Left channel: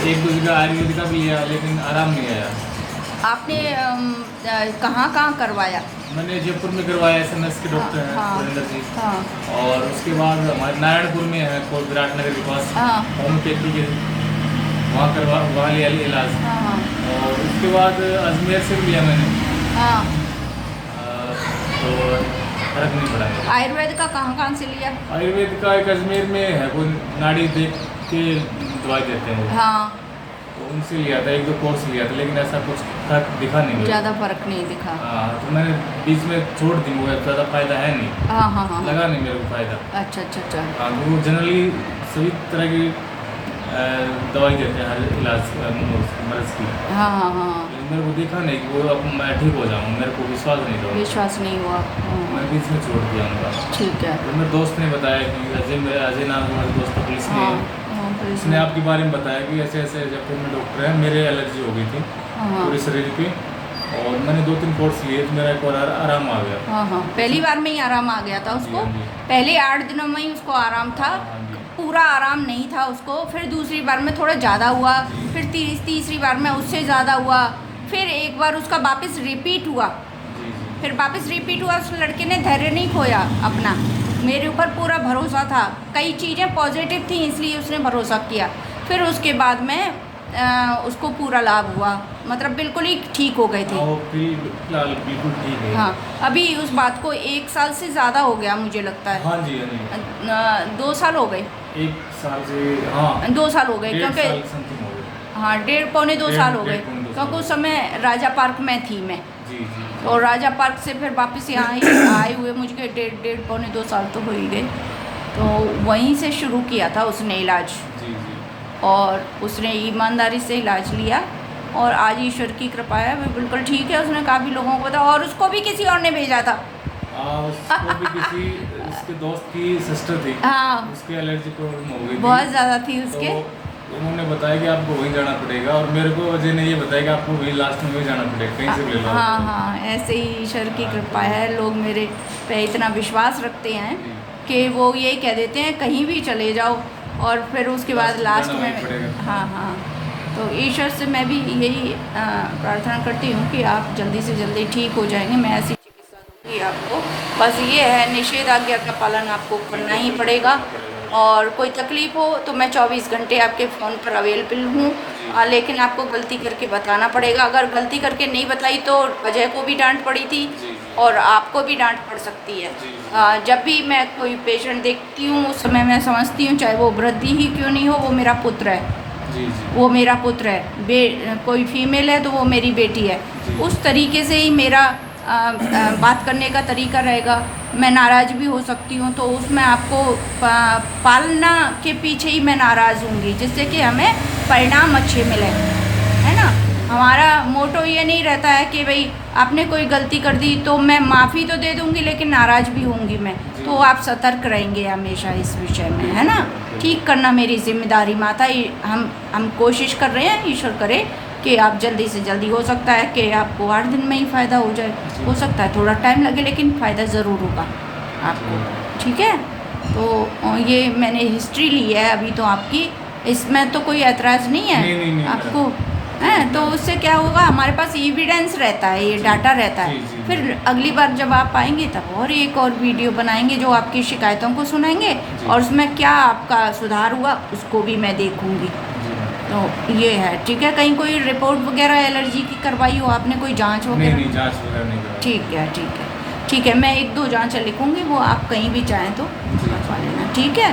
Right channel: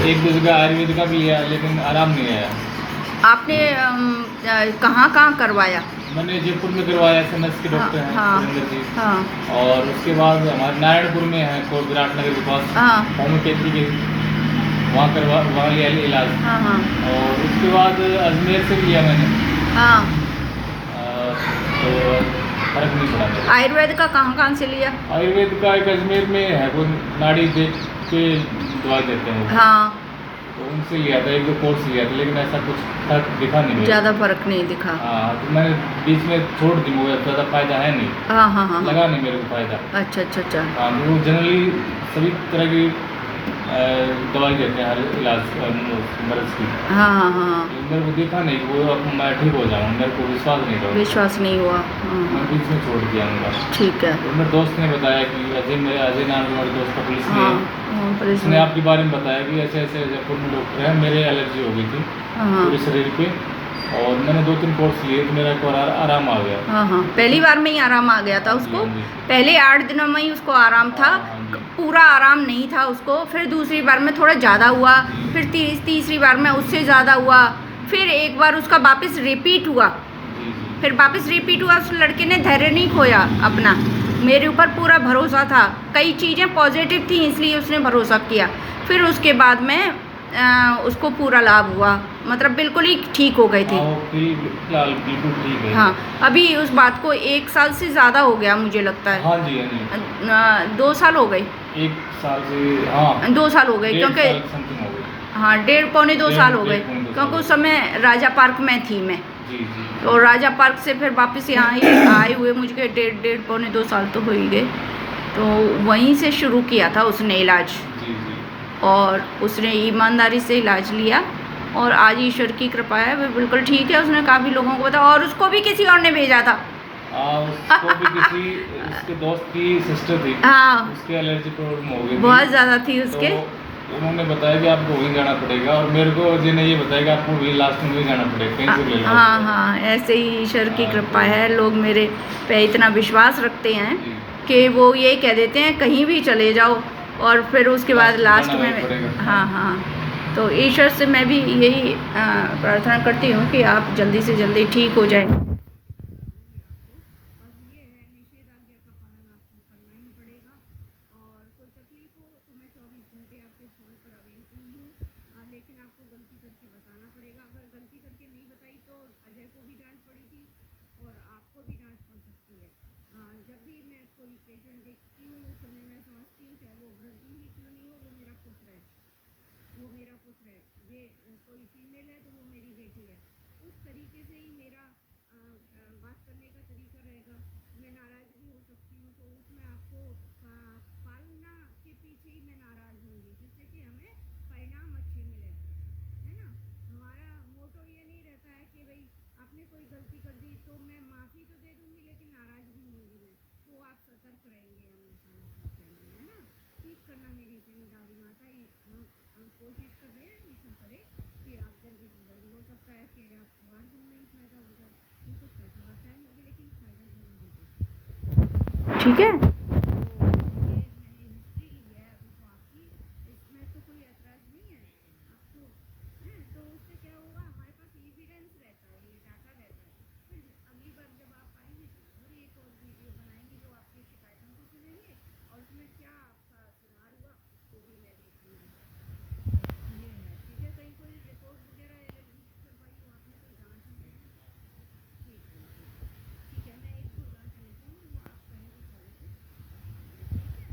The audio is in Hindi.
एक दो जगह आयुर्वेद का भी लिया लेकिन आराम नहीं आया। आपने कहाँ कहाँ करवाया? मैंने जयपुर में करवाया, SMS के हाँ डॉक्टर हैं हाँ सुरेंद्र जी। हाँ और उसके बाद हमारे नारायणपुर में है को विराटनगर के पास हाँ होम्योपैथी के, वहाँ लिया इलाज। हाँ हाँ और उसके बाद अजमेर से भी लिया मैंने, हाँ। तो फर्क नहीं पड़ा। आयुर्वेद का कहाँ से लिया? आयुर्वेद का एक अजमेर में है, वो नाड़ी देख के दवाई देते हैं, हाँ, तो उनसे लिया था, एक दो कोर्स लिया था, लेकिन ऐसा कुछ फर्क दिखा नहीं मुझे। ज़्यादा फर्क नहीं दिखा। हाँ, तो मैंने बीच में छोड़ दी, मुझे ज़्यादा फायदा है नहीं। हाँ हाँ हाँ लगा नहीं मेरे को फायदा। अच्छा अच्छा अच्छा। हाँ, वो जनरली सभी तरह की दवाई देते हैं हर इलाज मर्ज की। हाँ हाँ हाँ, मेरे को दिखा नहीं कि वो अब मैं ठीक हो जाऊँ, मेरे को विश्वास नहीं हुआ। विश्वास नहीं हुआ। हाँ मैं बीच में छोड़ दिया उनका। ठीक है। तो मेरे दोस्त ने बताया कि अजय नाम का मेरे दोस्त था, पुलिस में हाँ है। हाँ, पुलिस उसने में। आपके बारे में बताया कि ऐसे ऐसे जयपुर में डॉक्टर है, मेरे एलर्जी हो गई थी हाँ पूरे शरीर पे, और मैंने 2-3 कोर्स लिए तो मेरा एक और आराम आ गया। हाँ हाँ, पहली बार में ही आराम आ गया था उसको। हाँ जी। पहले 8 दिनों में ही उसको आराम था, हाँ जी। पूरा आराम नहीं था उसको। फिर दूसरी बार में थोड़ा ज़्यादा हुआ, फिर तीसरी बार में उससे ज़्यादा हुआ, फिर एक बार उसका वापस रिपीट हुआ। जी जी। फिर वापस रिपीट हुआ। उस लड़के ने धैर्य नहीं खोया अपना, मेरे ऊपर पूरा भरोसा था, कई चीज़ें पॉजिटिव थी इसलिए उसने भरोसा किया। फिर उसके बाद में उसको पूरा लाभ हुआ, मतलब बिल्कुल ही ठीक हो गए थे। हाँ, वो फिलहाल बिल्कुल ठीक है। हाँ, अभी उस बात को 1 साल से ज़्यादा हो गया मुझे लगता है। हाँ जी, हाँ जी। 2 साल हो गए। 1 साल से, हाँ 2 साल हो गए, 1.5 क्योंकि साल समथिंग हो गए। हाँ 1.5 पौने 2 साल हो गए, डेढ़ पौने 2 क्योंकि साल उस समय राजा पार्क में थी मैं। जी जी। और राजा पार्क से फिर वापस यहाँ ही आए हुए मुझे डेढ़ पौने 2 साल तो हो ही गए। तो वहीं से शुरू किया था उसने इलाज, जी जी। और उसने ईमानदारी से इलाज लिया, और आज ईश्वर की कृपा है वो बिल्कुल ठीक है। उसने काफ़ी लोगों को बताया, और उसको भी किसी और ने भेजा था। उसको भी किसी उसके दोस्त की सिस्टर थी, हाँ, उसके एलर्जी प्रॉब्लम हो गई थी, बहुत ज़्यादा थी उसके। तो उन्होंने बताया कि आपको वहीं जाना पड़ेगा, और मेरे को अजय ने ये बताया कि आपको वहीं लास्ट में वहीं जाना पड़ेगा, कहीं से ले लो। हाँ हाँ, ऐसे ही ईश्वर की कृपा है। लोग मेरे पे इतना विश्वास रखते हैं जी। कि वो ये कह देते हैं कहीं भी चले जाओ, और फिर उसके बाद लास्ट जाना में वहीं पड़ेगा। हाँ हाँ। तो ईश्वर से मैं भी यही प्रार्थना करती हूँ कि आप जल्दी से जल्दी ठीक हो जाएंगे। मैं ऐसी चिकित्सा दूँगी आपको। बस ये है, निषेधाज्ञा का पालन आपको करना ही पड़ेगा, और कोई तकलीफ़ हो तो मैं 24 घंटे आपके फ़ोन पर अवेलेबल हूँ। लेकिन आपको गलती करके बताना पड़ेगा। अगर गलती करके नहीं बताई तो अजय को भी डांट पड़ी थी, और आपको भी डांट पड़ सकती है। जब भी मैं कोई पेशेंट देखती हूँ उस समय मैं समझती हूँ, चाहे वो वृद्धि ही क्यों नहीं हो, वो मेरा पुत्र है। जी जी। वो मेरा पुत्र है। कोई फीमेल है तो वो मेरी बेटी है। उस तरीके से ही मेरा बात करने का तरीका रहेगा। मैं नाराज़ भी हो सकती हूँ, तो उसमें आपको पालना के पीछे ही मैं नाराज़ होंगी, जिससे कि हमें परिणाम अच्छे मिले, है ना। हमारा मोटो ये नहीं रहता है कि भाई आपने कोई गलती कर दी तो मैं माफ़ी तो दे दूँगी लेकिन नाराज़ भी होंगी मैं। तो आप सतर्क रहेंगे हमेशा इस विषय में, है ना। ठीक करना मेरी जिम्मेदारी माता। हम कोशिश कर रहे हैं, ईश्वर करे कि आप जल्दी से जल्दी, हो सकता है कि आपको 8 दिन में ही फ़ायदा हो जाए, हो सकता है थोड़ा टाइम लगे, लेकिन फ़ायदा ज़रूर होगा आपको, ठीक है। तो ये मैंने हिस्ट्री ली है अभी तो आपकी, इसमें तो कोई ऐतराज़ नहीं है नहीं, आपको, हैं। तो उससे क्या होगा, हमारे पास एविडेंस रहता है, ये डाटा रहता है। जी। फिर अगली बार जब आप आएंगे तब और एक और वीडियो बनाएंगे जो आपकी शिकायतों को सुनेंगे, और उसमें क्या आपका सुधार हुआ उसको भी मैं देखूंगी। तो ये है, ठीक है। कहीं कोई रिपोर्ट वगैरह एलर्जी की करवाई हो आपने, कोई जांच वगैरह? नहीं, जांच वगैरह नहीं करवाई। ठीक है, मैं 1-2 जांच लिखूंगी, वो आप कहीं भी चाहें तो करवा लेना, ठीक है।